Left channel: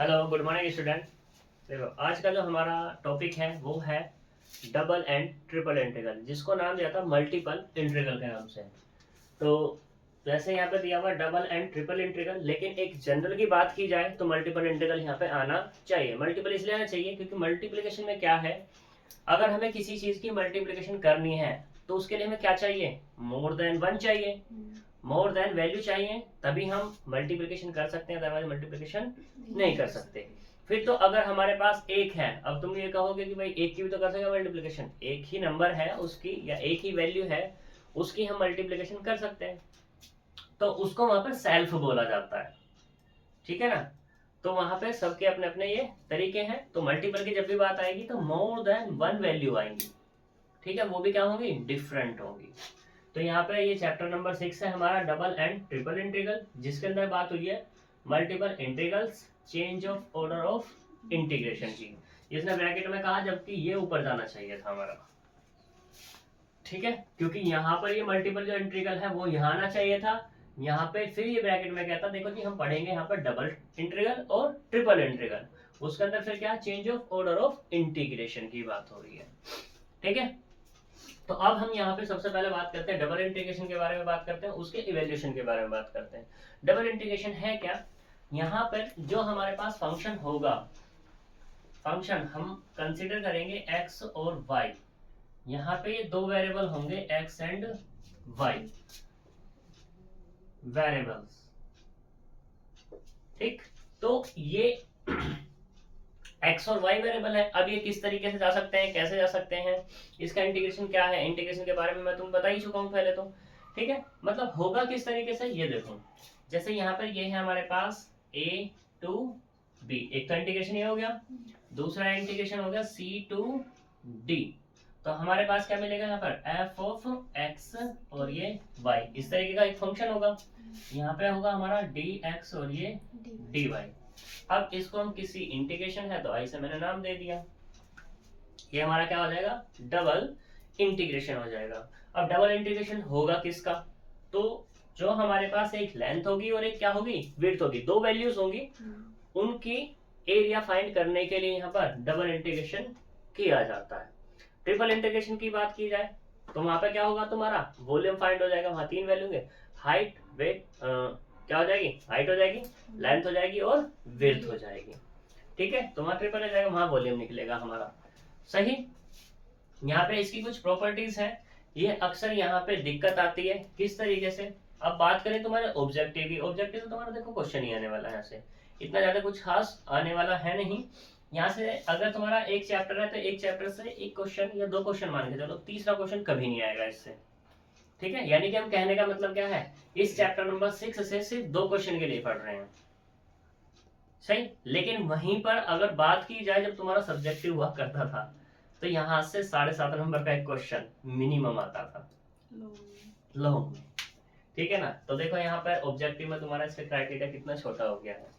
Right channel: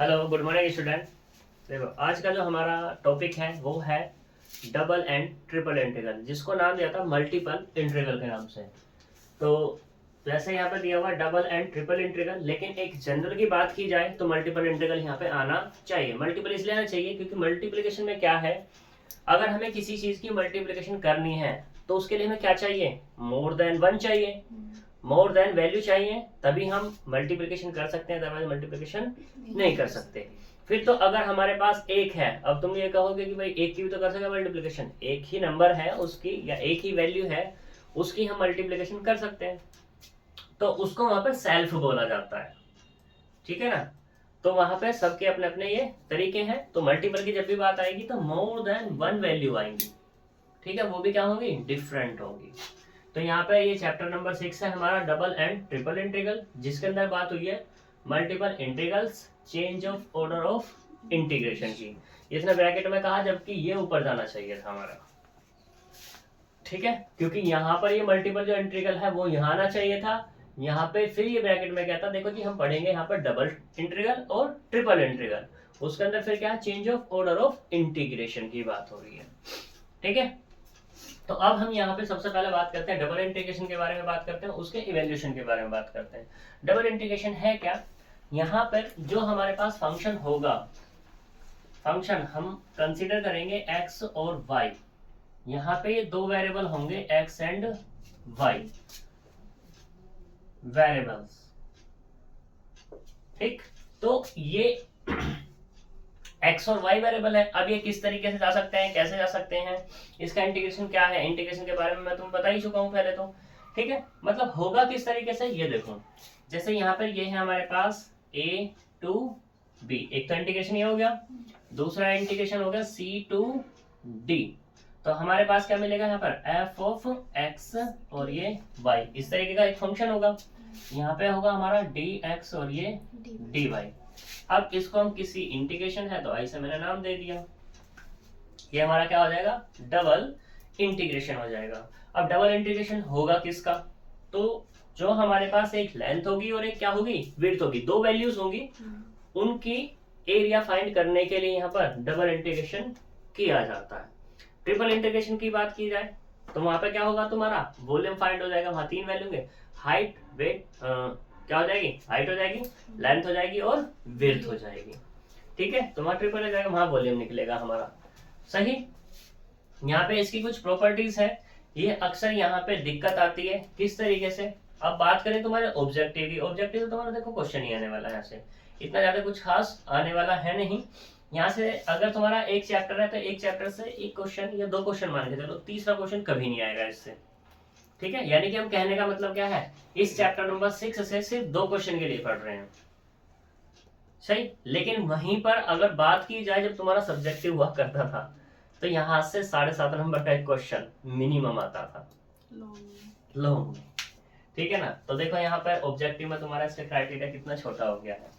Hello, good morning student. देखो, आज का जो हमारा टॉपिक है वो है डबल एंड ट्रिपल इंटीग्रल, जिसको नाम दिया था मल्टीपल इंटीग्रल के नाम से। तो जैसे यहाँ पे दिया हुआ डबल एंड ट्रिपल इंटीग्रल, लेकिन एक जनरल की बात की जाए तो मल्टीपल इंटीग्रल यहाँ पे आना चाहिए। मल्टीपल इसलिए आना चाहिए क्योंकि मल्टीप्लिकेशन में क्या है, अगर हमें किसी चीज़ की मल्टीप्लिकेशन करनी है तो उसके लिए हमें क्या चाहिए, मोर देन वन चाहिए, मोर देन वैल्यू चाहिए, तभी हम मल्टीप्लिकेशन कर सकते हैं, अदरवाइज मल्टीप्लिकेशन नहीं कर सकते। फिर तो अगर हमारे पास एक है, अब तुम ये कहोगे कि भाई एक की भी तो कर सकते मल्टीप्लिकेशन, एक ही नंबर है उसकी या एक ही वैल्यू है उसकी हम मल्टीप्लिकेशन कर सकते हैं, तो उसको वहां पर सेल्फ बोला जाता है। ठीक है ना। तो वहां पे सबके अपने अपने ये तरीके हैं। तो मल्टीपल की जब भी बात आएगी तो मोर देन वन वैल्यू आएंगी। ठीक है, वो भी क्या होंगी, डिफरेंट होंगी। तो यहाँ पे ये चैप्टर नंबर 6 है हमारा, डबल एंड ट्रिपल इंटीग्रल, जिसके अंदर बात हुई है multiple integrals, change of order of integration की। इसने ब्रैकेट में कहा जबकि ये ऊपर जाना चाहिए था हमारा। ठीक है, क्योंकि यहाँ पर ये मल्टीपल जो इंटीग्रल है वो यहाँ आना चाहिए था। यहाँ पे फिर ये ब्रैकेट में कहता, देखो जी हम पढ़ेंगे यहाँ पर डबल इंटीग्रल और ट्रिपल इंटीग्रल, उसके अंदर फिर क्या, change of order of integration की बात हो रही है। ठीक है, तो अब हम यहाँ पे सबसे पहले बात करते हैं डबल इंटीग्रेशन के बारे में, बात करते हैं उसके इवेल्यूशन के बारे में बात करते हैं। डबल इंटीग्रेशन है क्या, यहाँ पर जो हमारे पास फंक्शन होगा, फंक्शन हम कंसीडर करेंगे एक्स और वाई। यहाँ पे दो वेरिएबल होंगे एक्स एंड वाई वेरिएबल्स। ठीक, तो ये एक्स और वाई वेरिएबल है। अब ये किस तरीके से जा सकते हैं, कैसे जा सकते हैं, इसका इंटीग्रेशन क्या है, इंटीग्रेशन के बारे में मैं तुम बता ही चुका हूँ पहले तो। ठीक है, मतलब होगा किस तरीके से, ये देखो जैसे यहाँ पर ये है हमारे पास ए टू बी, एक तो इंटीग्रेशन ये हो गया, दूसरा इंटीग्रेशन हो गया सी टू डी। तो हमारे पास क्या मिलेगा यहाँ पर, एफ ऑफ एक्स और ये वाई, इस तरीके का एक फंक्शन होगा। यहाँ पे होगा हमारा डी एक्स और ये डी वाई। अब इसको हम किसी इंटीग्रेशन है तो ऐसे मैंने नाम दे दिया, ये हमारा क्या हो जाएगा, डबल इंटीग्रेशन हो जाएगा। अब डबल इंटीग्रेशन होगा किसका, तो जो हमारे पास एक लेंथ होगी और एक क्या होगी, विड्थ होगी, दो वैल्यूज होंगी, उनकी एरिया फाइंड करने के लिए यहाँ पर डबल इंटीग्रेशन किया जाता है। ट्रिपल इंटीग्रेशन की बात की जाए तो वहां पर क्या होगा, तुम्हारा वॉल्यूम फाइंड हो जाएगा, वहां तीन वैल्यू होंगे, हाइट, वेट, क्या हो जाएगी, हाइट हो जाएगी, लेंथ हो जाएगी और विड्थ हो जाएगी। ठीक है, तो वहां ट्रिपल हो जाएगा, वहां वॉल्यूम निकलेगा हमारा। सही। यहाँ पे इसकी कुछ प्रॉपर्टीज है, ये अक्सर यहाँ पे दिक्कत आती है किस तरीके से। अब बात करें तुम्हारे ऑब्जेक्टिव की, ऑब्जेक्टिव तो तुम्हारा देखो क्वेश्चन ही आने वाला है, ऐसे इतना ज्यादा कुछ खास आने वाला है नहीं। यहाँ से अगर तुम्हारा एक चैप्टर है तो एक चैप्टर से एक क्वेश्चन या दो क्वेश्चन मान के चलो, तीसरा क्वेश्चन कभी नहीं आएगा इससे। ठीक है, यानी कि हम कहने का मतलब क्या है, इस चैप्टर नंबर 6 से सिर्फ दो क्वेश्चन के लिए पढ़ रहे हैं। सही, लेकिन वहीं पर अगर बात की जाए जब तुम्हारा सब्जेक्टिव हुआ करता था तो यहाँ से 7.5 नंबर का एक क्वेश्चन मिनिमम आता था लॉन्ग में। ठीक है ना, तो देखो यहाँ पर ऑब्जेक्टिव में तुम्हारा इसका क्राइटेरिया कितना छोटा हो गया है।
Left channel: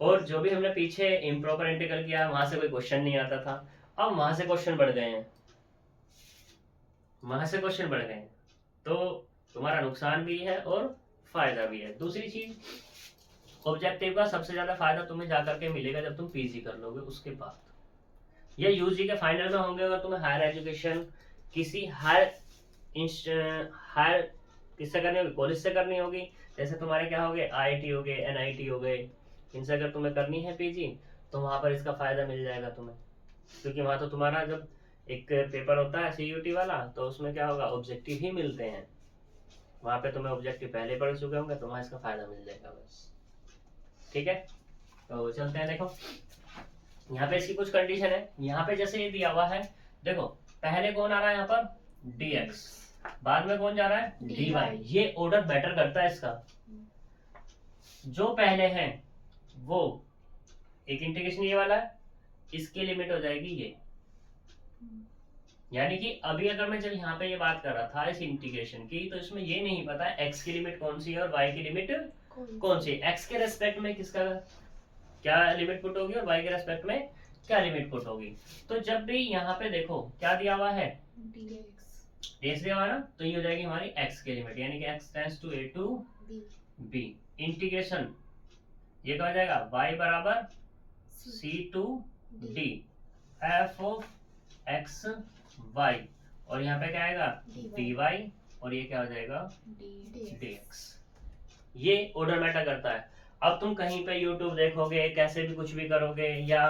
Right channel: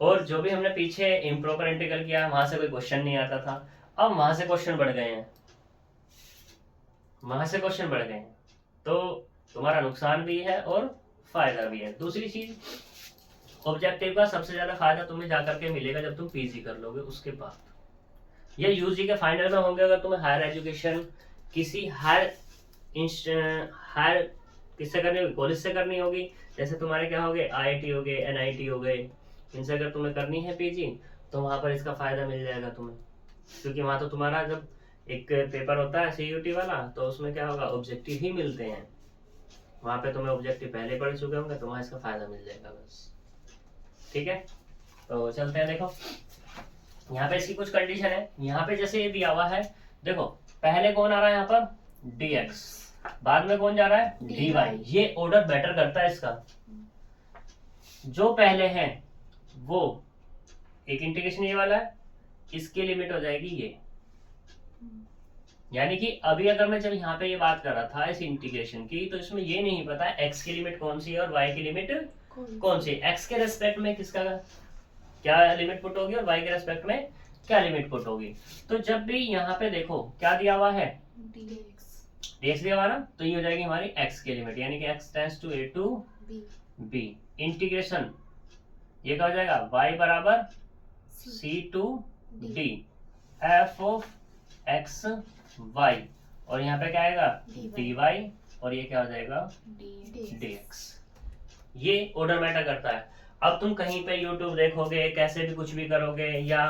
और जो भी हमने पीछे इम्प्रॉपर इंटीग्रल किया है वहां से कोई क्वेश्चन नहीं आता था, अब वहां से क्वेश्चन बढ़ गए हैं, वहां से क्वेश्चन बढ़ गए हैं, तो तुम्हारा नुकसान भी है और फायदा भी है। दूसरी चीज, ऑब्जेक्टिव का सबसे ज्यादा फायदा तुम्हें जाकर के मिलेगा जब तुम पीजी कर लोगे उसके बाद, या यूजी के फाइनल में होंगे, अगर तुम्हें हायर एजुकेशन किसी हायर हायर किससे करनी होगी, कॉलेज से करनी होगी, जैसे तुम्हारे क्या हो गए आईआईटी हो गए, एनआईटी हो गए, इनसे अगर तुम्हें करनी है पीजी तो वहां पर इसका फायदा मिल जाएगा तुम्हें। क्योंकि वहां तो तुम्हारा जब एक पेपर होता है सीयूटी वाला तो उसमें क्या होगा, ऑब्जेक्टिव ही मिलते हैं, वहां पे तुम्हें ऑब्जेक्टिव पहले पढ़ चुके होंगे तो वहां इसका फायदा मिल जाएगा बस। ठीक है, तो चलते हैं। देखो यहाँ पे इसकी कुछ कंडीशन है, यहाँ पे जैसे ये दिया हुआ है, देखो पहले कौन आ रहा है यहाँ पर dx, बाद में कौन जा रहा है dy, ये ऑर्डर बेटर करता है इसका। जो पहले है वो एक इंटीग्रेशन ये वाला है, इसकी लिमिट हो जाएगी ये, यानी कि अभी अगर मैं जब यहाँ पे ये बात कर रहा था इस इंटीग्रेशन की तो इसमें ये नहीं पता x की लिमिट कौन सी है और y की लिमिट कौन सी है, x के रेस्पेक्ट में किसका क्या लिमिट पुट होगी और y के रेस्पेक्ट में क्या लिमिट पुट होगी। तो जब भी यहाँ पे देखो क्या दिया हुआ है dx दिया हुआ ना, तो ये हो जाएगी हमारी x की लिमिट, यानी कि x tends to a to b, integration ये क्या हो जाएगा, y बराबर c to d f of x y, और यहाँ पे क्या आएगा डी वाई, और ये क्या हो जाएगा डी एक्स। ये ऑर्डर मैटर करता है। अब तुम कहीं पे यूट्यूब देखोगे, कैसे भी कुछ भी करोगे या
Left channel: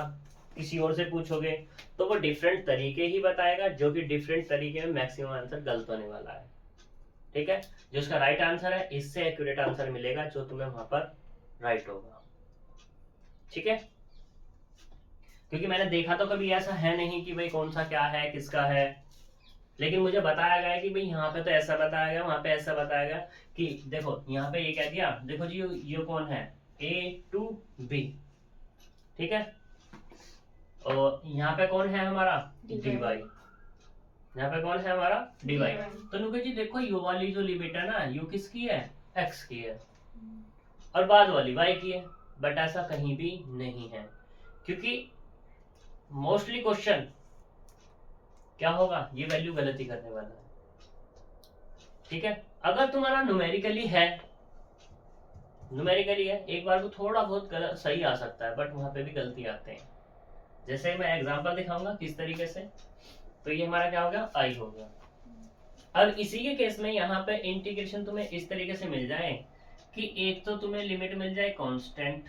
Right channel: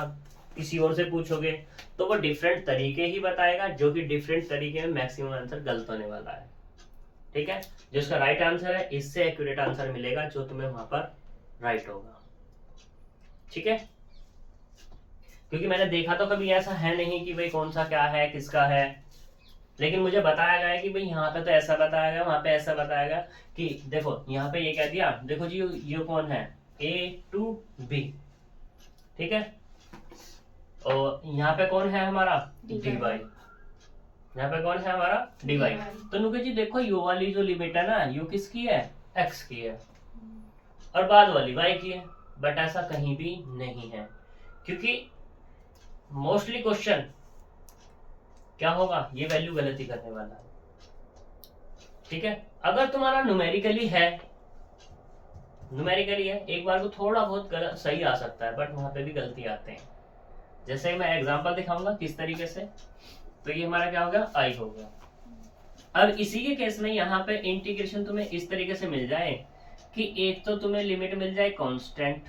किसी और से पूछोगे तो वो डिफरेंट तरीके ही बताएगा, जो कि डिफरेंट तरीके में मैक्सिमम आंसर गलत होने वाला है। ठीक है, जो उसका राइट आंसर है इससे एक्यूरेट आंसर मिलेगा जो तुम्हें वहां पर राइट होगा। ठीक है, क्योंकि मैंने देखा तो कभी ऐसा है नहीं कि भाई कौन सा क्या है किसका है, लेकिन मुझे बताया गया कि भाई यहाँ पे तो ऐसा बताया गया, वहां पे ऐसा बताया गया कि देखो यहाँ पे ये कह दिया, देखो जी ये कौन है A to B, ठीक है, और यहाँ पे कौन है हमारा dy, यहाँ पे कौन है हमारा dy। तो नुके जी देखो यू वाली जो लिमिट है ना, यू किसकी है x की है, और बाद वाली y की है, बट ऐसा कहीं भी नहीं है, क्योंकि मोस्टली क्वेश्चन क्या होगा, ये वैल्यू गलत ही करने वाला है। ठीक है, अगर तुम्हारा न्यूमेरिकली है, एक बार को थोड़ा बहुत गलत सही आ सकता है, बट वहां पे भी गलती आते हैं। जैसे मैं एग्जांपल दिखाऊंगा किस तरीके से, तो ये हमारा क्या होगा आई होगा। अब इसी के केस में यहाँ पे इंटीग्रेशन तुम्हें इस तरीके से मिल जाए कि एक तो तुम्हें लिमिट मिल जाए कांस्टेंट,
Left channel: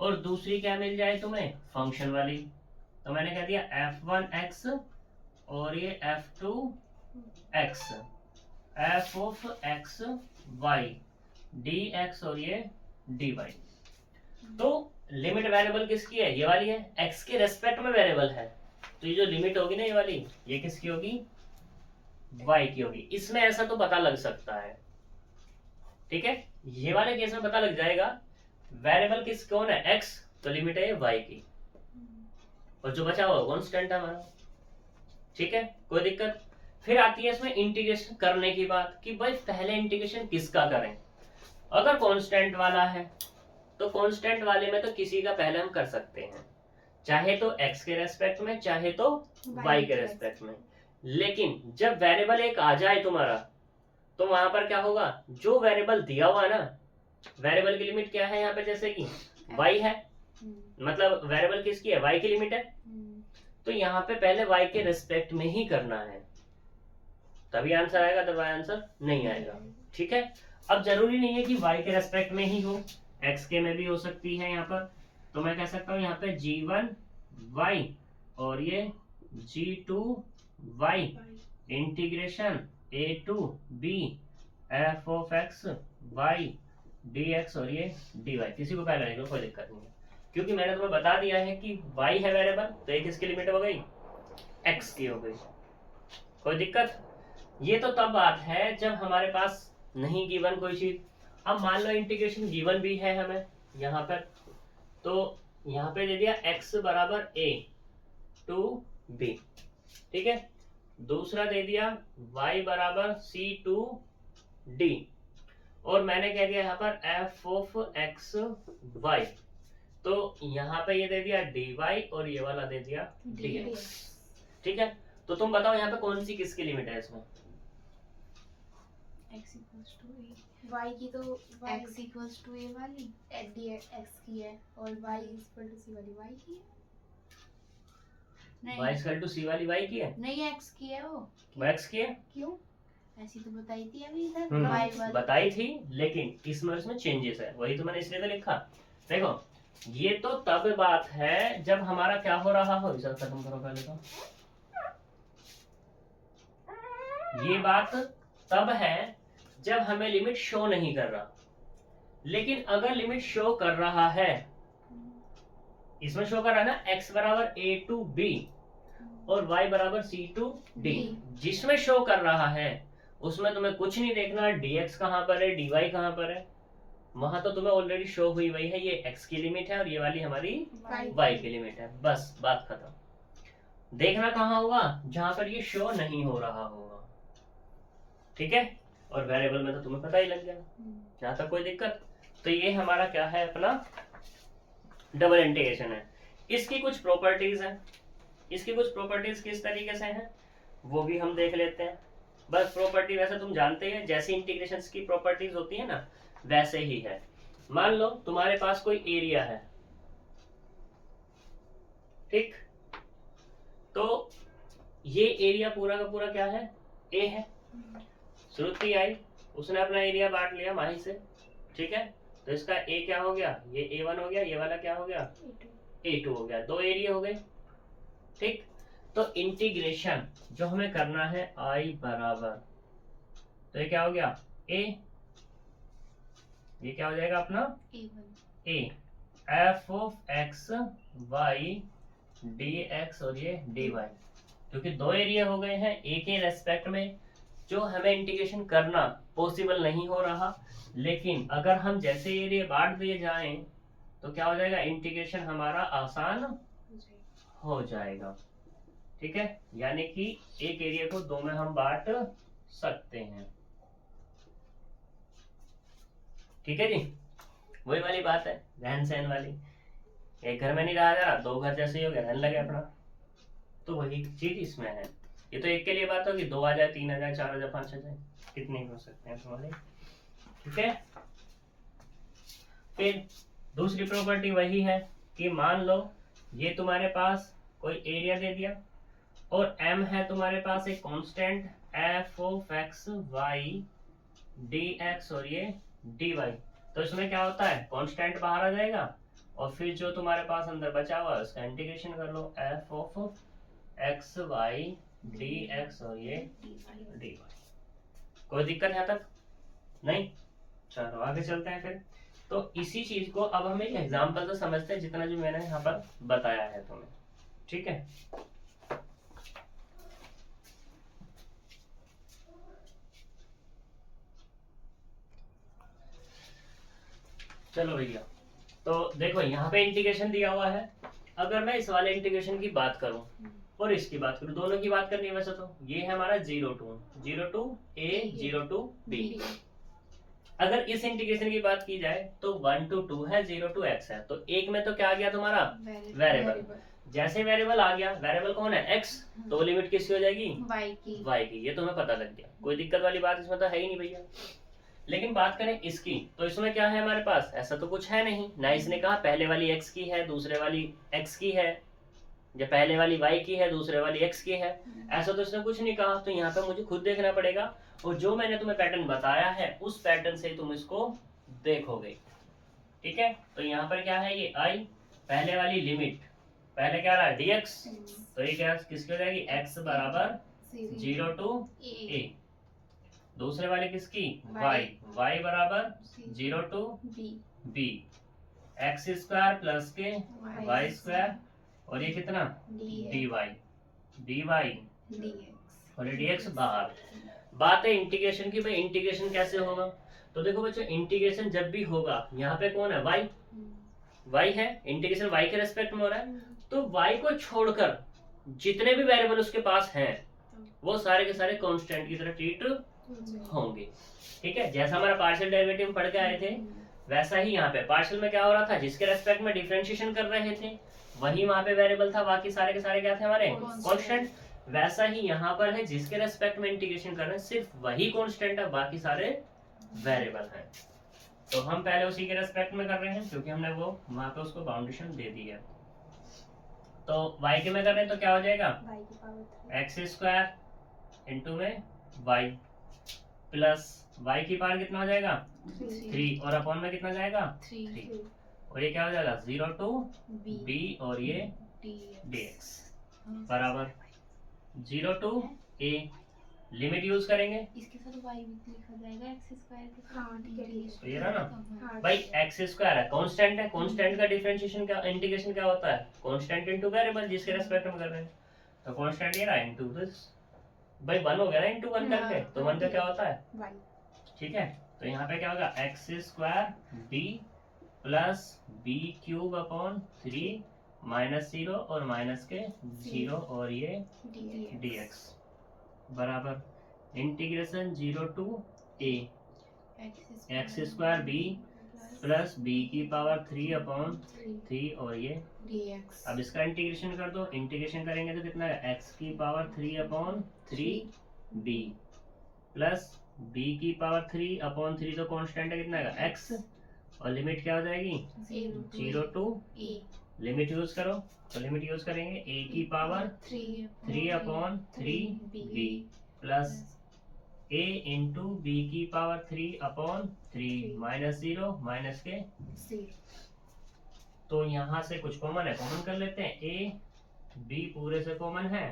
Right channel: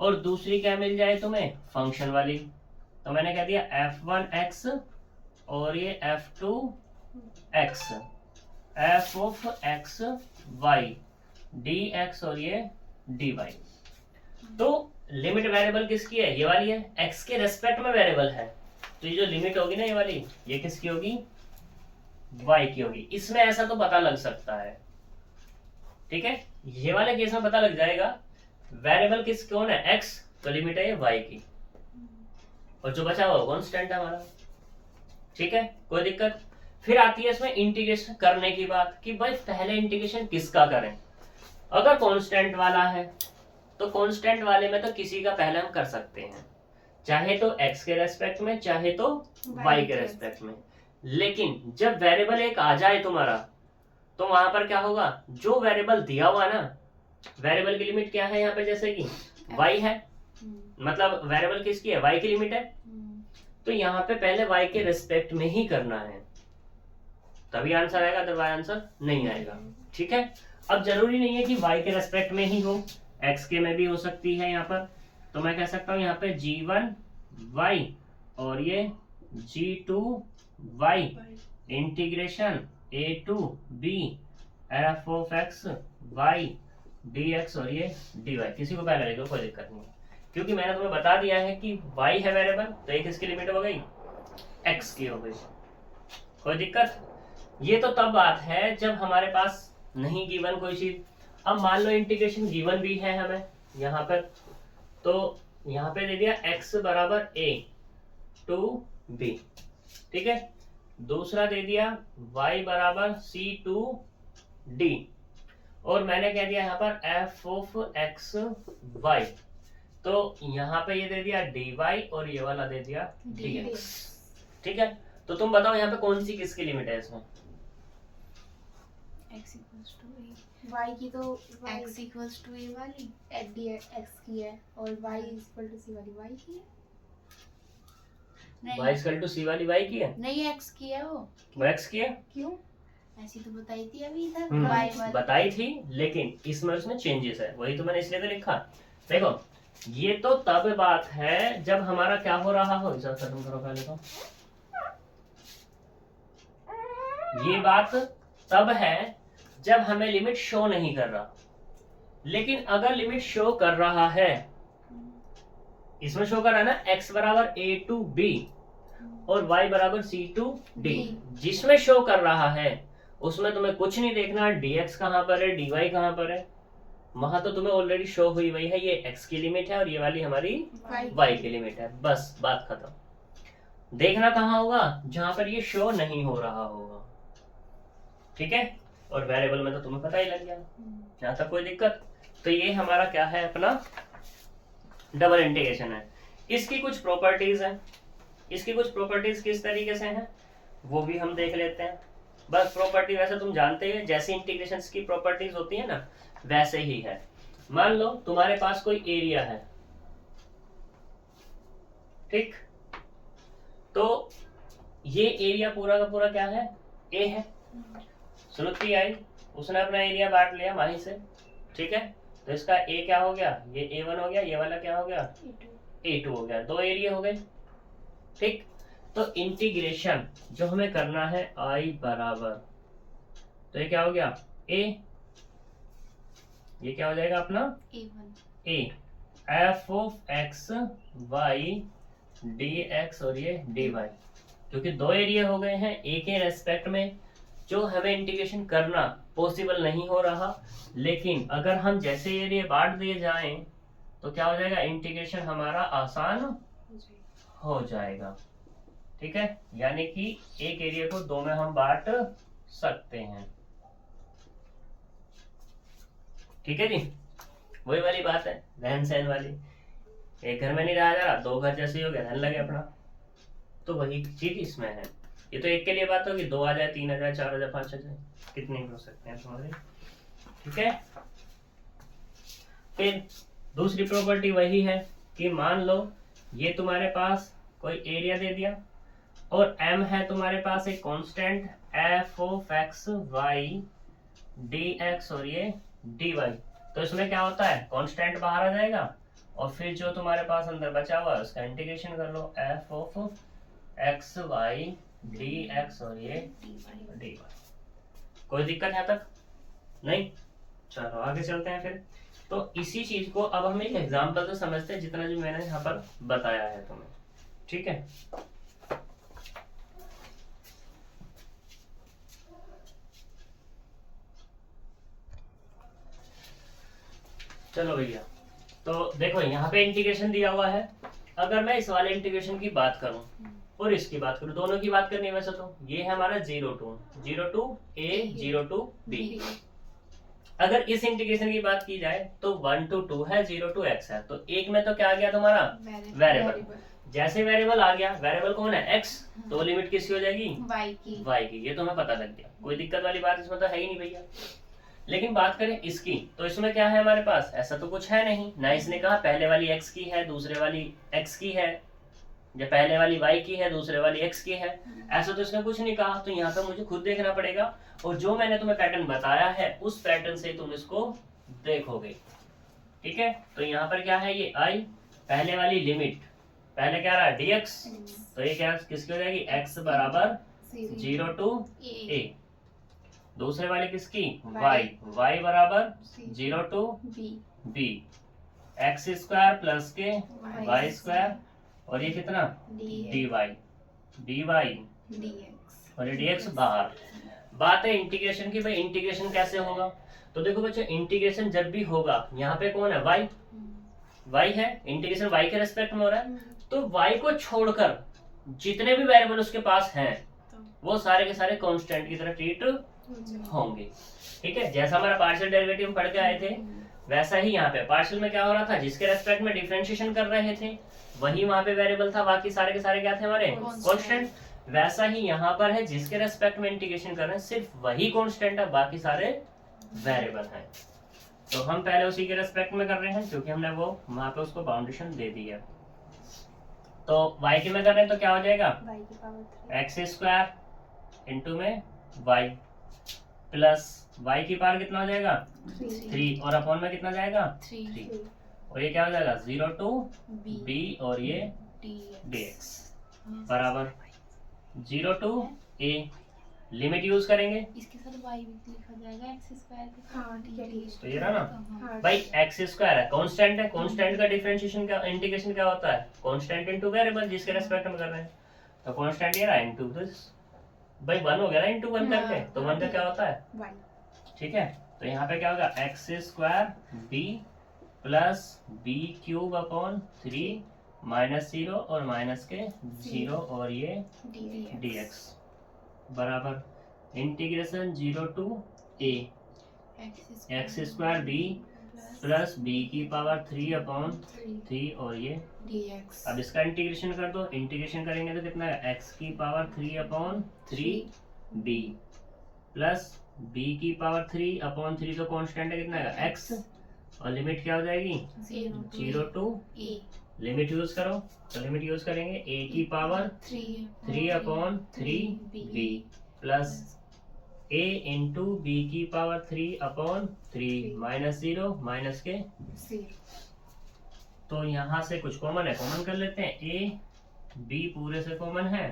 और दूसरी क्या मिल जाए तुम्हें फंक्शन वाली। तो मैंने कह दिया f1x और ये f2x, f of x y dx और ये dy। तो लिमिट वेरिएबल किसकी है, ये वाली है, x के रेस्पेक्ट में वेरिएबल है, तो ये जो लिमिट होगी ना ये वाली, ये किसकी होगी y की होगी। इसमें ऐसा तो पता लग सकता है, ठीक है, ये वाले केस में पता लग जाएगा वेरिएबल किस कौन है x, तो लिमिट है ये y की, और जो बचा हुआ कांस्टेंट है हमारा। ठीक है, कोई दिक्कत। फिर आती है इसमें इंटीग्रेशन करने की बात कि भाई पहले इंटीग्रेशन किसका करें। अगर कांस्टेंट वाला है तो कांस्टेंट वाले में तो किसी का पहले हम कर सकते हैं, चाहे तो x के रेस्पेक्ट में चाहे तो y के रेस्पेक्ट में। लेकिन जब वेरिएबल एक आ जाए तुम्हारा, तो वहां पर क्या होगा, जो वेरिएबल दिया हुआ ना, वेरिएबल की लिमिट क्या है यहाँ पे, जैसे कि y है, मतलब वेरिएबल किसकी है y की लिमिट है, तो यहाँ पे पहले y के रेस्पेक्ट में ही करना है, तभी आंसर आएगा, अदरवाइज आंसर नहीं आएगा। ठीक है, अब जरूरी नहीं है कि y के रेस्पेक्ट में ही हो, x के में भी हो सकती है यहाँ पर। तो मैं कह सकता हूँ यहाँ पे g1y और ये g2y integration a to b f of x y dx और ये dy। किसी को पहले लिखो कोई दिक्कत नहीं, क्योंकि मैंने तुम्हें बता दिया है कि y है वेरिएबल, तो एक इसकी लिमिट हो गई x की हो गई, कोई दिक्कत। ये तो तब बात है जब हमारे पास नहीं गिवन कोई चीज। अब मान लो इंटीग्रेशन गिवन भी है हमें यहाँ पर, तो यहाँ पे दे दिया x बराबर a to b, ठीक है, दूसरा दे दिया y बराबर c to d, और मैंने कह दिया यहाँ पर f ऑफ x y, तो यहाँ पे ये दे दिया dy और ये वाला दे दिया dx। ठीक है, तो तुम बताओ यहाँ पे कौन सी किसकी लिमिट है इसमें, x equals to a, y की तो x equals to a वाली x की है, और y equal to c वाली y की है। y इक्वल टू c वाली y की है, नहीं x की है, वो x की है, क्यों ऐसी तो बताई थी अभी इधर y वाली बताई थी, लेकिन इसमें उसमें चेंजेस है, वही तो मैंने इसलिए तो लिखा। देखो ये तो तब बात है जब हमारा क्या हो रहा हो, इसे खत्म करो पहले तो। ये बात तब है जब हमें लिमिट शो नहीं कर रहा, लेकिन अगर लिमिट शो कर रहा है, इसमें शो कर रहा है ना x बराबर a to b और y बराबर c to d, जिसमें शो कर रहा है उसमें तुम्हें कुछ नहीं देखना dx कहाँ पर है dy कहाँ पर है, वहां तो तुम्हें ऑलरेडी शो हुई वही है, ये x की लिमिट है और ये वाली हमारी y की लिमिट है, बस बात खत्म। देखना कहाँ होगा, जहां पर ये शो नहीं हो रहा होगा। ठीक है, और वेरिएबल में तो तुम्हें पता ही लग गया, जहां तक कोई दिक्कत। तो ये हमारा क्या है, अपना डबल इंटीग्रेशन है। इसकी कुछ प्रॉपर्टीज हैं, इसकी कुछ प्रॉपर्टीज किस तरीके से हैं वो भी हम देख लेते हैं। बस प्रॉपर्टी वैसे तुम जानते ही, जैसे इंटीग्रेशन की प्रॉपर्टीज होती है ना वैसे ही है। मान लो तुम्हारे पास कोई एरिया है, ठीक, तो ये एरिया पूरा का पूरा क्या है, ए है। श्रुति आई, उसने अपना एरिया बांट लिया माही से, ठीक है, तो इसका ए क्या हो गया, ये A1 हो गया, ये वाला क्या हो गया, A2 हो गया, 2 एरिया हो गए, ठीक। तो इंटीग्रेशन जो हमें करना है I बराबर, तो ये क्या हो गया A, ये क्या हो जाएगा अपना A, f of x y dx और ये dy, क्योंकि 2 एरिया हो गए हैं, ए के रेस्पेक्ट में जो हमें इंटीग्रेशन करना पॉसिबल नहीं हो रहा, लेकिन अगर हम जैसे एरिया बांट दिए जाएं तो क्या हो जाएगा, इंटीग्रेशन हमारा आसान हो जाएगा, ठीक है। यानी कि एक एरिया को 2 में हम बांट सकते हैं, ठीक है जी। वही वाली बात है, रहन सहन वाली, एक घर में नहीं रहा जा रहा, 2 घर जैसे ही हो गए, रहने लगे अपना, तो वही चीज इसमें है। ये तो एक के लिए बात होगी, 2 आ जाए, 3 आ जाए, 4 आ जाए, 5 आ जाए, कितने हो सकते हैं तुम्हारे, ठीक है। फिर दूसरी प्रॉपर्टी वही है कि मान लो ये तुम्हारे पास कोई एरिया दे दिया और m है तुम्हारे पास एक constant f of x y dx और ये dy, तो इसमें क्या होता है, कांस्टेंट बाहर आ जाएगा और फिर जो तुम्हारे पास अंदर बचा हुआ है उसका इंटीग्रेशन कर लो, f of x y dx और ये dy। कोई दिक्कत है तक नहीं, चलो आगे चलते हैं फिर। तो इसी चीज को अब हम एक एग्जांपल से समझते हैं, जितना जो मैंने यहाँ पर बताया है तुम्हें, ठीक है। चलो भैया, तो देखो यहाँ पे इंटीग्रेशन दिया हुआ है, अगर मैं इस वाले इंटीग्रेशन की बात करूं और इसकी बात करूं, दोनों की बात करनी है वैसे तो, ये है हमारा 0 to a 0 to b। अगर इस इंटीग्रेशन की बात की जाए तो 1 to 2 है, 0 to x है, तो एक में तो क्या आ गया तुम्हारा वेरिएबल, जैसे वेरिएबल आ गया, वेरिएबल कौन है x, तो लिमिट किसकी हो जाएगी, y की, ये तो हमें पता लग गया, कोई दिक्कत वाली बात इसमें तो है ही नहीं भैया। लेकिन बात करें इसकी, तो इसमें क्या है हमारे पास, ऐसा तो कुछ है नहीं ना, इसने कहा पहले वाली x की है, दूसरे वाली x की है, या पहले वाली y की है, दूसरे वाली x की है, ऐसा तो इसने कुछ नहीं कहा, तो यहाँ पे मुझे खुद देखना पड़ेगा, और जो मैंने तुम्हें पैटर्न बताया है उस पैटर्न से तुम इसको देखोगे, ठीक है। तो यहाँ पर क्या है, ये I, पहले वाली लिमिट, पहले क्या रहा dx, तो ये क्या किसकी हो जाएगी, x बराबर 0 to a, दूसरे वाली किसकी y बराबर 0 to b, x square plus के y स्क्वायर और ये कितना dy और ये dx बाहर। बात है इंटीग्रेशन की, भाई इंटीग्रेशन कैसे होगा, तो देखो बच्चों इंटीग्रेशन जब भी होगा, यहाँ पे कौन है y है, इंटीग्रेशन y के रेस्पेक्ट में हो रहा है, तो y को छोड़कर जितने भी वेरिएबल उसके पास हैं वो सारे के सारे कांस्टेंट की तरह ट्रीट होंगे, ठीक है। जैसा हमारा पार्शियल डेरिवेटिव पढ़ के आए थे वैसा ही यहाँ पे पार्शियल में क्या हो रहा था, जिसके रेस्पेक्ट में डिफरेंशिएशन कर रहे थे वही वहां पे वेरिएबल था, बाकी सारे के सारे क्या थे हमारे कांस्टेंट, वैसा ही यहाँ पर है, जिसके रेस्पेक्ट में इंटीग्रेशन कर रहे हैं सिर्फ वही कांस्टेंट है, बाकी सारे वेरिएबल हैं। तो हम पहले उसी के रेस्पेक्ट में कर रहे हैं क्योंकि हमने वो वहां पे उसको बाउंडेशन दे दी है। तो y के में कर रहे हैं तो क्या हो जाएगा, x स्क्वायर इंटू में y प्लस y की पावर कितना हो जाएगा 3 और अपॉन में कितना जाएगा 3 और ये क्या हो जाएगा 0 to b और ये dx बराबर 0 to a, लिमिट यूज करेंगे, इसके साथ y भी लिखा जाएगा x स्क्वायर के साथ। हाँ ठीक है, तो ये रहा ना हाँ। भाई, x स्क्वायर है कांस्टेंट है, कांस्टेंट का डिफरेंशिएशन का इंटीग्रेशन क्या होता है, कांस्टेंट इनटू वेरिएबल जिसके रेस्पेक्ट में कर रहे हैं, तो कांस्टेंट ये रहा इनटू दिस, भाई 1 हो गया ना इनटू 1 करके, तो 1 का क्या होता है y, ठीक है। तो यहाँ पे क्या होगा x square b plus b cube upon 3 minus 0 और माइनस के 0 और ये dx बराबर integration 0 to a x square b plus b की पावर 3 अपॉन 3 और ये dx। अब इसका इंटीग्रेशन कर दो, इंटीग्रेशन करेंगे तो कितना है x की power 3 upon 3 b plus b की पावर 3 अपॉन 3 तो कांस्टेंट है कितना है x और लिमिट क्या हो जाएगी 0 टू ए लिमिट यूज करो, तो लिमिट यूज करेंगे a की power 3/3 b plus a into B की पावर 3/3 माइनस 0 माइनस के 0। तो यहाँ से कुछ कॉमन है, कॉमन कर लेते हैं, a b पूरे से कॉमन है,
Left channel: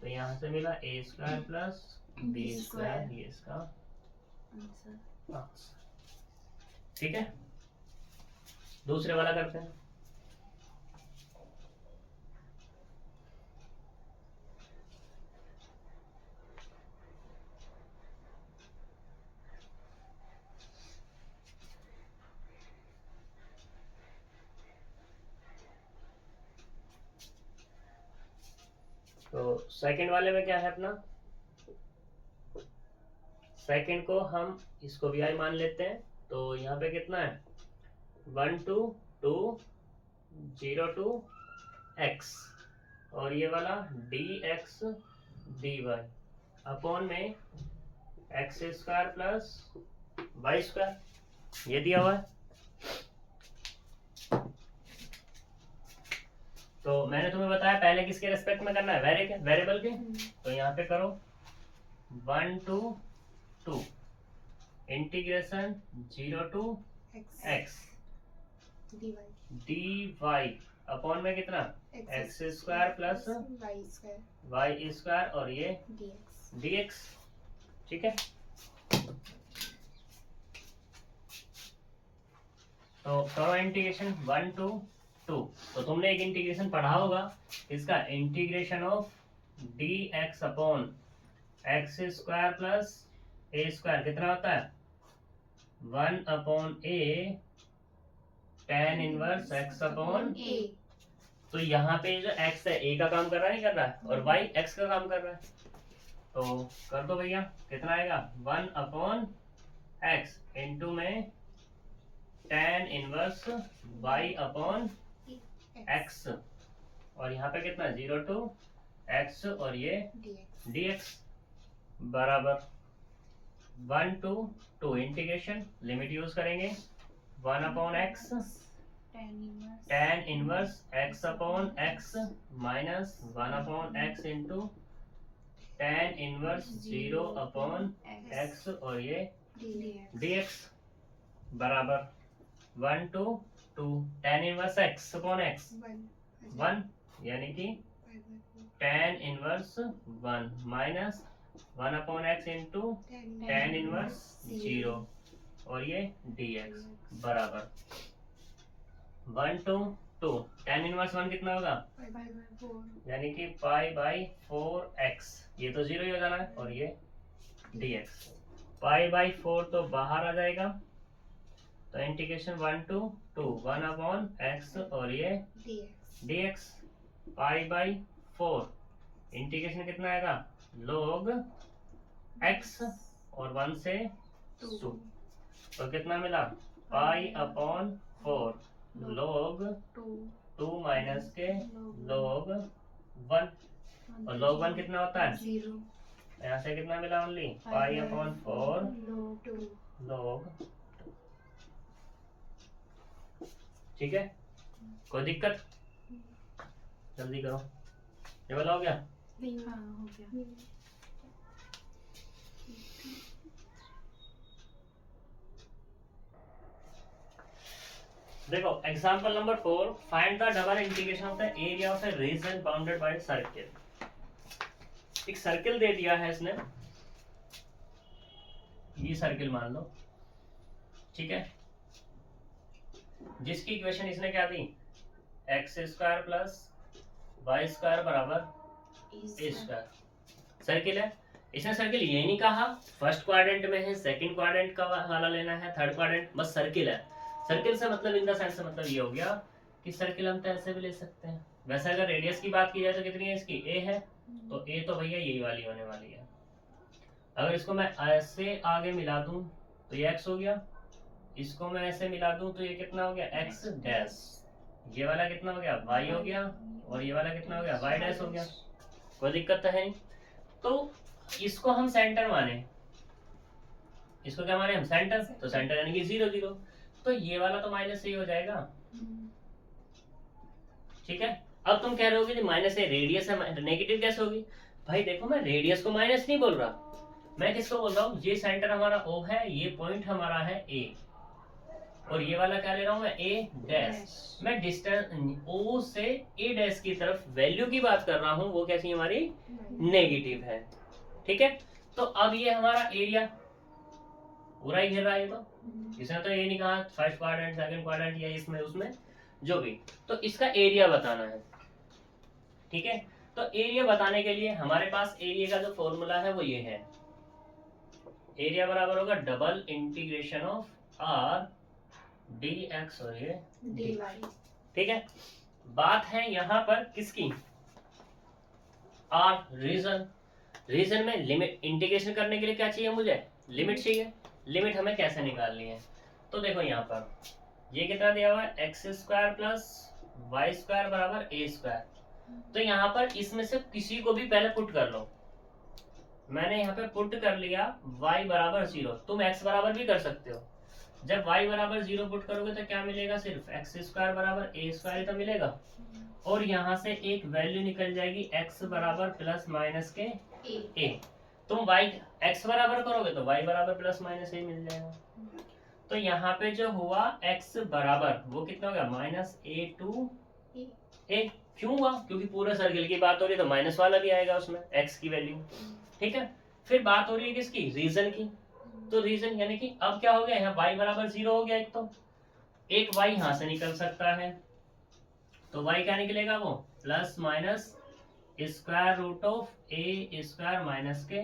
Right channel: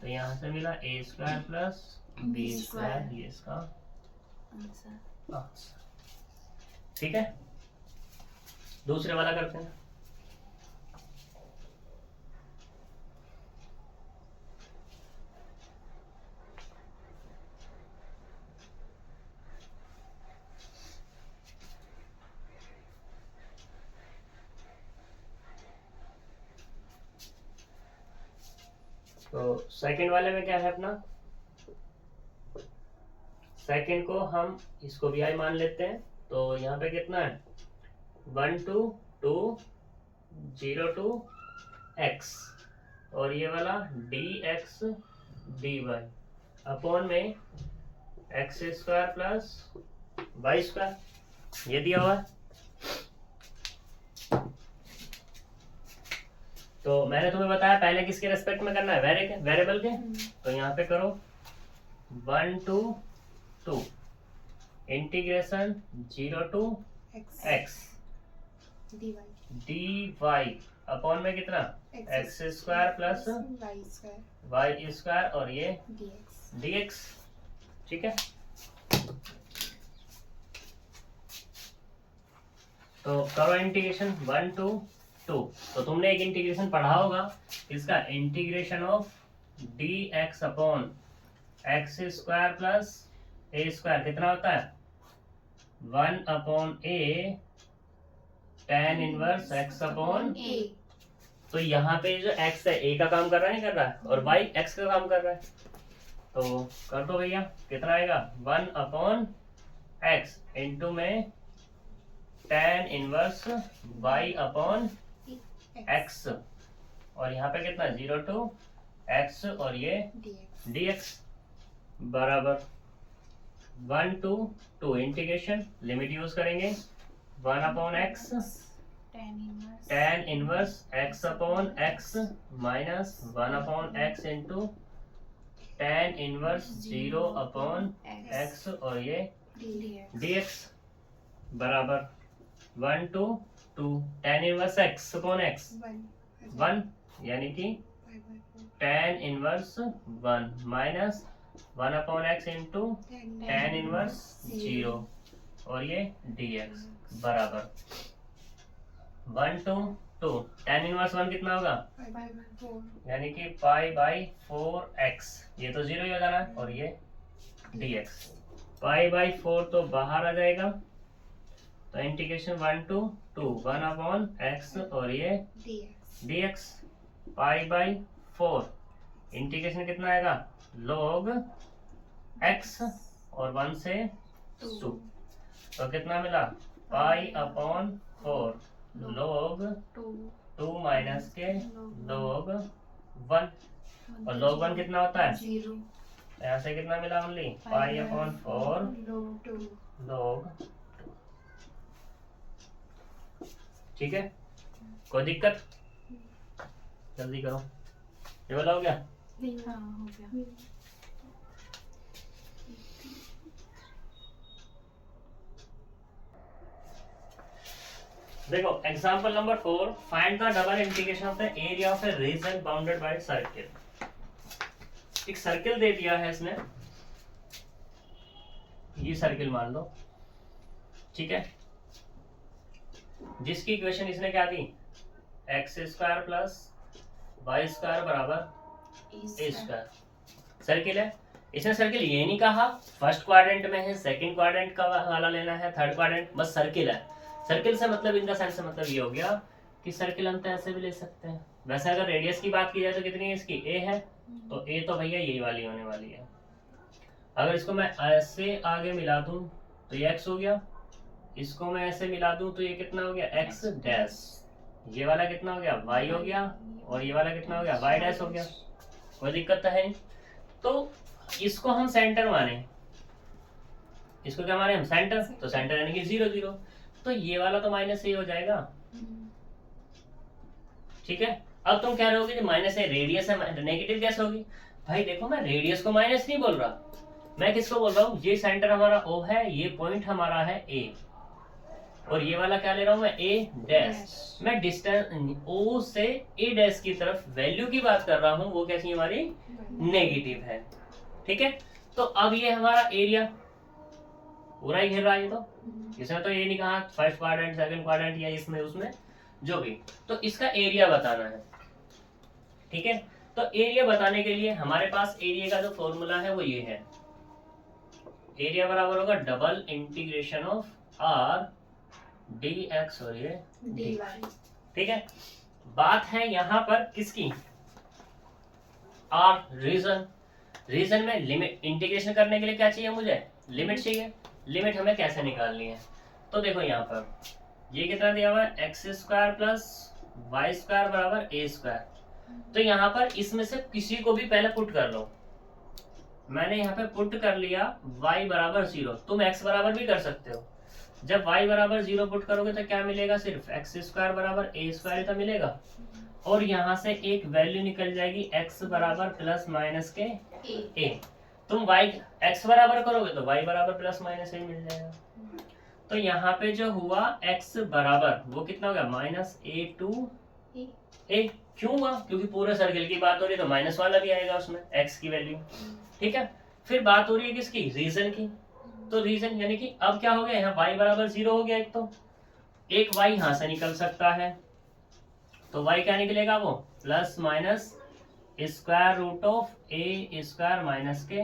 तो यहाँ से मिला a² प्लस b², ये इसका आंसर। ठीक है, दूसरे वाला करते हैं। तो सेकंड वाले में क्या है अपना, सेकंड को हम इसको भी आई मान लेते हैं, तो यहाँ पे कितना है 1 to 2 0 to x, और ये वाला dx dy अपॉन में x² प्लस y², ये दिया हुआ है। तो मैंने तुम्हें बताया पहले किसके रेस्पेक्ट में करना है, वेरिएबल के, तो यहाँ पे करो 1 to 2 integration 0 to x dy upon में कितना x² प्लस y² और ये dx। ठीक है, तो करो इंटीग्रेशन 1 to 2। तो तुमने एक इंटीग्रेशन पढ़ा होगा इसका, integration of dx upon x² plus a² कितना होता है 1/a tan inverse x upon a। तो यहाँ पे जो x है a का काम कर रहा है, नहीं कर रहा है, और y x का काम कर रहा है, तो कर दो भैया, कितना आएगा 1/x इंटू में tan inverse y upon x, और यहाँ पे कितना 0 to x और ये dx बराबर 1 to 2 इंटीग्रेशन, लिमिट यूज करेंगे 1/x tan inverse x upon x minus 1/x into tan inverse 0/x और ये dx बराबर 1 to 2 tan inverse x upon x 1, यानी कि tan inverse 1 minus 1/x into tan inverse 0 और ये dx बराबर 1 to 2 tan inverse 1 कितना होगा, यानी कि π/4x, ये तो 0 ही हो जाना है, और ये dx π/4 तो बाहर आ जाएगा, तो इंटीग्रेशन 1 to 2 1/x और ये dx π/4 इंटीग्रेशन कितना आएगा log x और 1 से 2, तो कितना मिला π/4 log 2 माइनस के log 1, और log 1 कितना होता है 0। यहाँ से कितना मिला ओनली π/4 log 2। ठीक है, कोई दिक्कत, जल्दी करो, ये वाला हो गया। हाँ, हो गया। देखो example number 4, find the double integration of the area of A reason bounded by circle. एक सर्किल दे दिया है इसने, ये सर्किल मान लो, ठीक है, जिसकी इक्वेशन इसने क्या दी x² प्लस y² बराबर a²। सर्किल है, इसने सर्किल ये नहीं कहा फर्स्ट क्वाड्रेंट में है, सेकंड क्वाड्रेंट का वाला लेना है, थर्ड क्वाड्रेंट, बस सर्किल है। सर्किल से मतलब इन द सेंस से मतलब ये हो गया कि सर्किल हम तो ऐसे भी ले सकते हैं। वैसे अगर रेडियस की बात की जाए तो कितनी है इसकी, a है, तो a तो भैया यही वाली होने वाली है। अगर इसको मैं ऐसे आगे मिला दूं तो ये x हो गया, इसको मैं ऐसे मिला दूं तो ये कितना हो गया x डैश, ये वाला कितना हो गया y हो गया, और ये वाला कितना हो गया y डैश हो गया। कोई दिक्कत तो है नहीं। तो इसको हम सेंटर माने, इसको क्या माने हम सेंटर, तो सेंटर यानी कि 0 0। तो ये वाला तो माइनस ए हो जाएगा, ठीक है। अब तुम कह रहे हो कि माइनस ए रेडियस है, नेगेटिव कैसे होगी? भाई देखो, मैं रेडियस को माइनस नहीं बोल रहा, मैं किसको बोल रहा हूँ, ये सेंटर हमारा ओ है, ये पॉइंट हमारा है ए, और ये वाला क्या ले रहा हूँ मैं, ए डैश। मैं डिस्टेंस ओ से ए डैश की तरफ वैल्यू की बात कर रहा हूँ, वो कैसी हमारी नेगेटिव है, ठीक है। तो अब ये हमारा एरिया पूरा ही घेर रहा है, तो इसमें तो ये नहीं कहा फर्स्ट क्वाड्रेंट सेकंड क्वाड्रेंट या इसमें उसमें जो भी, तो इसका एरिया बताना है, ठीक है। तो एरिया बताने के लिए हमारे पास एरिया का जो फॉर्मूला है वो ये है, एरिया बराबर होगा double integration of R D x और ये डी वाई, ठीक है। बात है यहाँ पर किसकी, आर रीजन, रीजन में लिमिट इंटीग्रेशन करने के लिए क्या चाहिए मुझे, लिमिट चाहिए। लिमिट हमें कैसे निकालनी है, तो देखो यहाँ पर ये कितना दिया हुआ है, x square plus y square बराबर ए स्क्वायर, तो यहाँ पर इसमें से किसी को भी पहले पुट कर लो, मैंने यहाँ पे पुट कर लिया y बराबर 0, तुम x बराबर भी कर सकते हो। जब y बराबर 0 पुट करोगे तो क्या मिलेगा, सिर्फ एक्स स्क्वायर बराबर ए स्क्वायर तो मिलेगा, और यहाँ से एक वैल्यू निकल जाएगी x बराबर प्लस माइनस के a। तुम y x बराबर करोगे तो y बराबर प्लस माइनस a मिल जाएगा। तो यहाँ पे जो हुआ x बराबर वो कितना होगा, माइनस a टू a। क्यों हुआ, क्योंकि पूरे सर्किल की बात हो रही है तो माइनस वाला भी आएगा उसमें x की वैल्यू, ठीक है। फिर बात हो रही है किसकी, रीजन की, तो रीजन यानी कि अब क्या हो गया, यहाँ y बराबर 0 हो गया, एक y यहाँ से निकल सकता है, तो y क्या निकलेगा, वो plus minus square root of a square minus के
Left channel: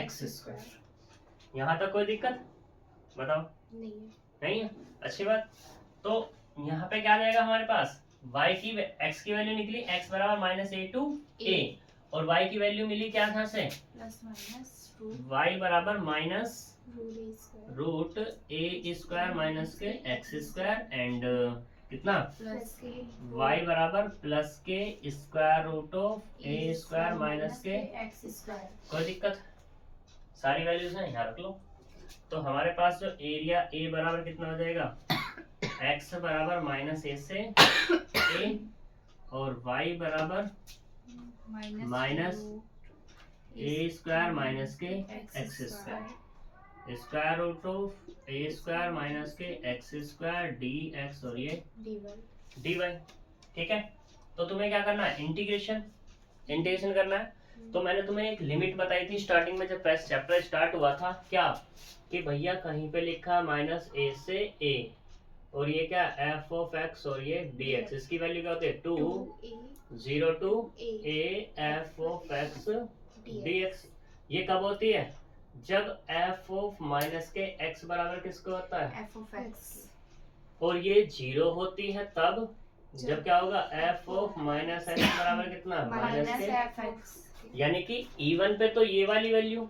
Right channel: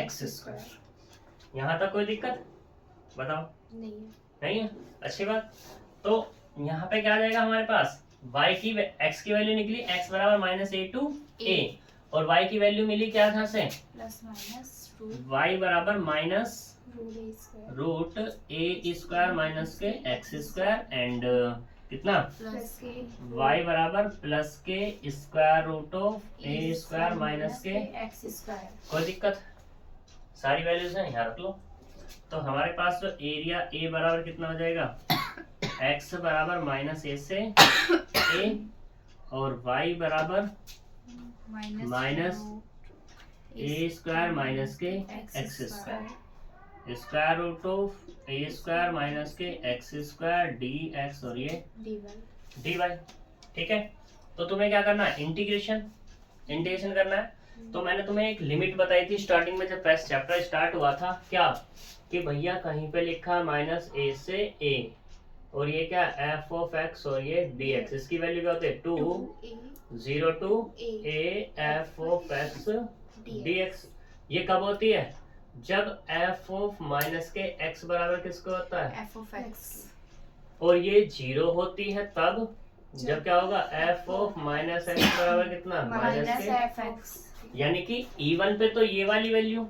एक्स स्क्वायर। यहाँ तक कोई दिक्कत बताओ, नहीं है, अच्छी बात। तो यहाँ पे क्या आ जाएगा हमारे पास, y की x की वैल्यू निकली x बराबर माइनस ए टू ए, और y की वैल्यू मिली क्या था से, प्लस माइनस y बराबर minus root a square minus के एक्स स्क्वायर एंड कितना प्लस के y बराबर प्लस के square root of a square minus के एक्स स्क्वायर। कोई दिक्कत, सारी वैल्यूज हैं यहाँ रख लो। तो हमारे पास जो एरिया ए बराबर कितना हो जाएगा, x बराबर माइनस ए से ए, और y बराबर माइनस ए स्क्वायर माइनस के x square, square root of a square minus के एक्स स्क्वायर डी एक्स और ये डी वाई, ठीक है। तो तुम्हें क्या करना है, इंटीग्रेशन करना है। तो मैंने तुम्हें एक लिमिट बताई थी स्टार्टिंग में जब चैप्टर स्टार्ट हुआ था, क्या कि भैया कहीं पे लिखा माइनस ए से ए, और ये क्या एफ ऑफ एक्स और ये डी एक्स, इसकी वैल्यू क्या होती है 2 0 to a f of x d x. ये कब होती है, जब एफ ऑफ माइनस के एक्स बराबर किसको होता है, एफ ऑफ एक्स, और ये 0 होती है तब जब क्या होगा, एफ ऑफ माइनस एक्स बराबर कितना, माइनस के एफ एक्स, यानी कि इवन पे तो ये वाली वैल्यू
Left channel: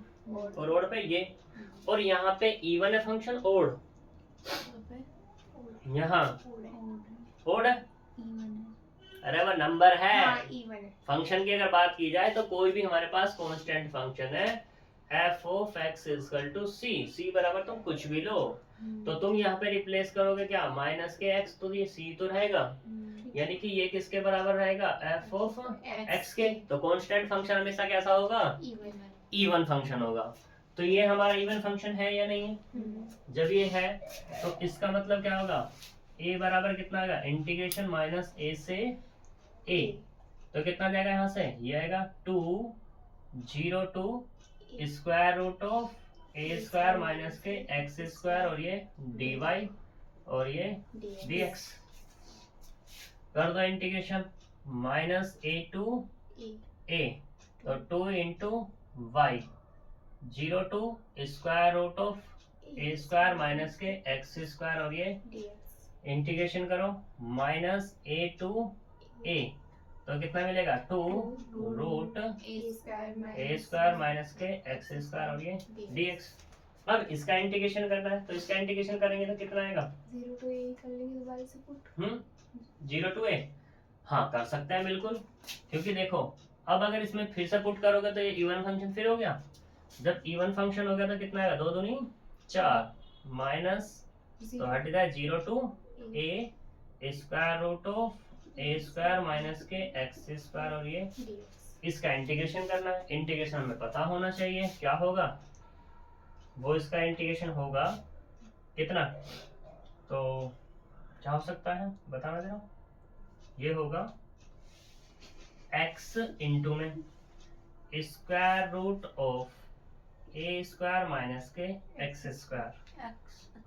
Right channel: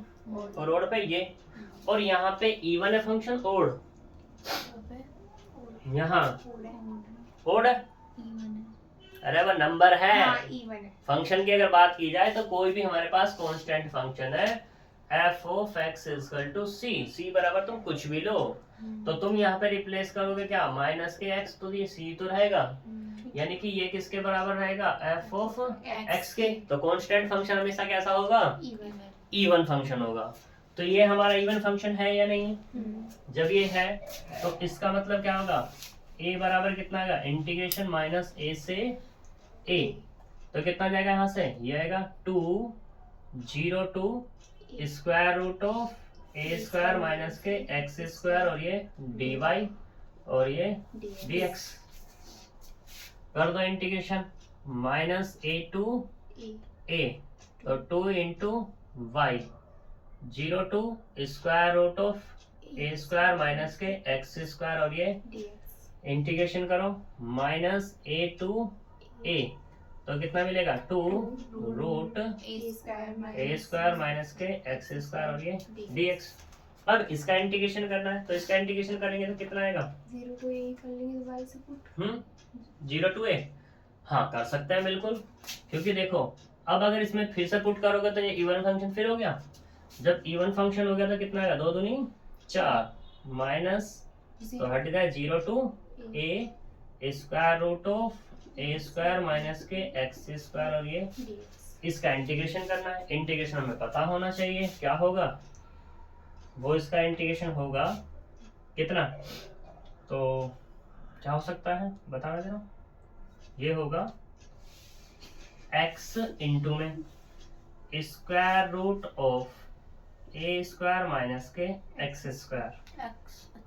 और ओड पे ये, और यहाँ पे इवन है फंक्शन, ओड यहाँ ओड है, अरे वो नंबर है, फंक्शन की अगर बात की जाए तो कोई भी हमारे पास कांस्टेंट फंक्शन है, f of x equal to c, c बराबर तुम कुछ भी लो, तो तुम यहाँ पे रिप्लेस करोगे क्या, माइनस के एक्स, तो ये सी तो रहेगा, यानी कि ये किसके बराबर रहेगा, एफ ऑफ एक्स के। तो कांस्टेंट फंक्शन हमेशा कैसा होगा, इवन फंक्शन होगा। तो ये हमारा इवन फंक्शन है या नहीं, जब ये है तो इसका मतलब क्या होगा, a बराबर कितना आएगा, इंटीग्रेशन माइनस a से a, तो कितना जाएगा यहाँ से, ये आएगा 2 0 to square root of a square minus के एक्स स्क्वायर और ये डी वाई और ये डी एक्स। कर दो integration, minus a to a, तो 2 into y, 0 to square root of a square minus के एक्स स्क्वायर और ये इंटीग्रेशन करो, माइनस ए टू ए, तो कितना मिलेगा 2 रूट ए स्क्वायर माइनस के एक्स स्क्वायर और ये डी एक्स। अब इसका इंटीग्रेशन करना है, तो इसका इंटीग्रेशन करेंगे तो कितना आएगा, 0 टू a कर लेंगे तो y से पुट 0 टू ए, हाँ कर सकते हैं बिल्कुल, क्योंकि देखो अब अगर इसमें फिर से पुट करोगे तो ये इवन फंक्शन फिर हो गया, जब इवन फंक्शन हो गया तो कितना आएगा, 2 दूनी 4 माइनस तो हट गया 0 to a square root of a square minus के एक्स स्क्वायर, और ये इसका इंटीग्रेशन करना है। इंटीग्रेशन हमें पता होना चाहिए क्या होगा, वो इसका इंटीग्रेशन होगा कितना, तो क्या हो सकता है बताना जरा। ये होगा x इंटू में square root of a square minus के एक्स स्क्वायर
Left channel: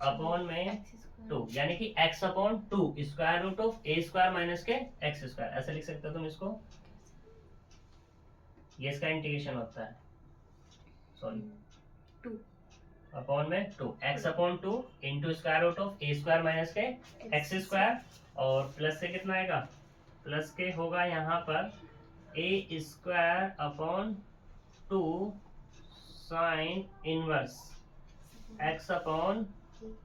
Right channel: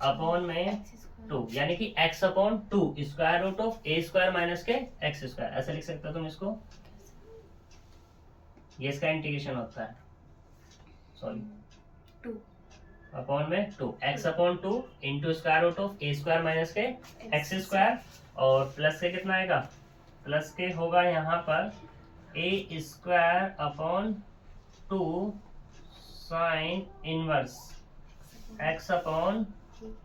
अपॉन में 2, यानी कि x upon 2 square root of a square minus के एक्स स्क्वायर, ऐसा लिख सकते हो तुम इसको। ये इसका इंटीग्रेशन होता है, सॉरी 2 अपॉन में 2 x upon 2 into square root of a square minus के एक्स स्क्वायर, और प्लस के कितना आएगा, प्लस के होगा यहाँ पर a square upon 2 sine inverse x upon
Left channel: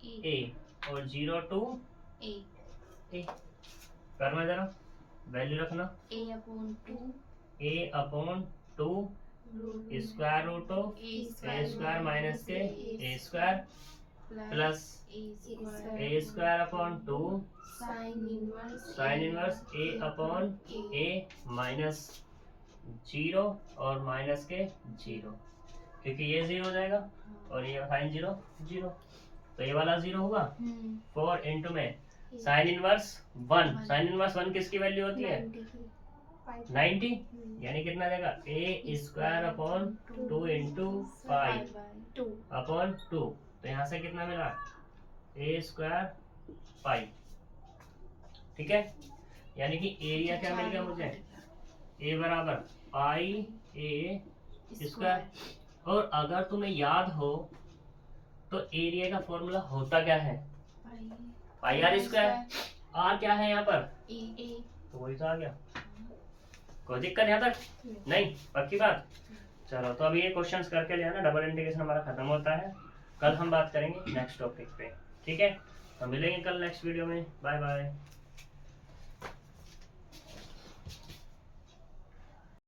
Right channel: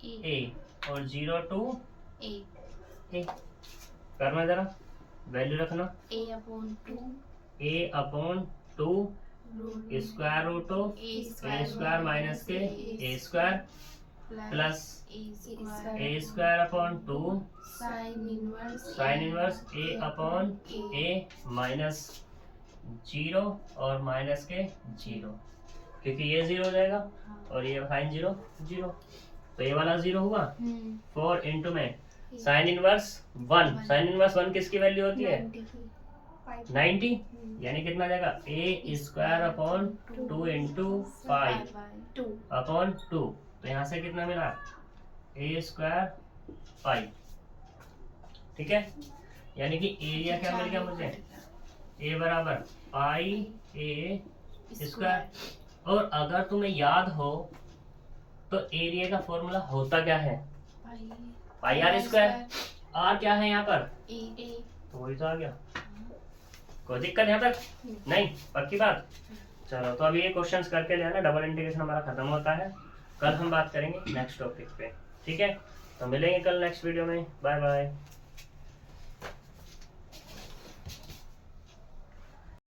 a, और 0 टू ए करना जरा, वैल्यू रखना a upon 2 a upon 2 square root of a square minus के a square plus a square upon 2 sine inverse a upon a minus 0 और minus के 0, क्योंकि ये 0 हो जाएगा और ये साइन 0 0, तो ये वाला 0 होगा। 4 इंटू में साइन इनवर्स 1, साइन इनवर्स 1 किसकी वैल्यू होती है 90, यानी कितना आ जाएगा ए स्क्वायर अपॉन 2 इंटू 5 अपॉन 2, तो यहाँ से कितना मिला ए स्क्वायर 5, ठीक है। यानी कि एरिया क्या मिल गया मुझे, ए बराबर पाई ए स्क्वायर। और अगर तुम्हें याद हो तो एरिया का फॉर्मूला होता क्या है, पाई आर स्क्वायर, आर क्या है यहाँ पर तो वही तो आ गया। कोई दिक्कत यहाँ तक नहीं, पक्की बात। चलो तो अभी ये क्वेश्चंस करके जो है ना डबल इंटीग्रेशन हमारा खत्म होता है। कल हम बात करेंगे नेक्स्ट टॉपिक पे, ठीक है। तो मिलेंगे कल नेक्स्ट वीडियो में, बाय बाय।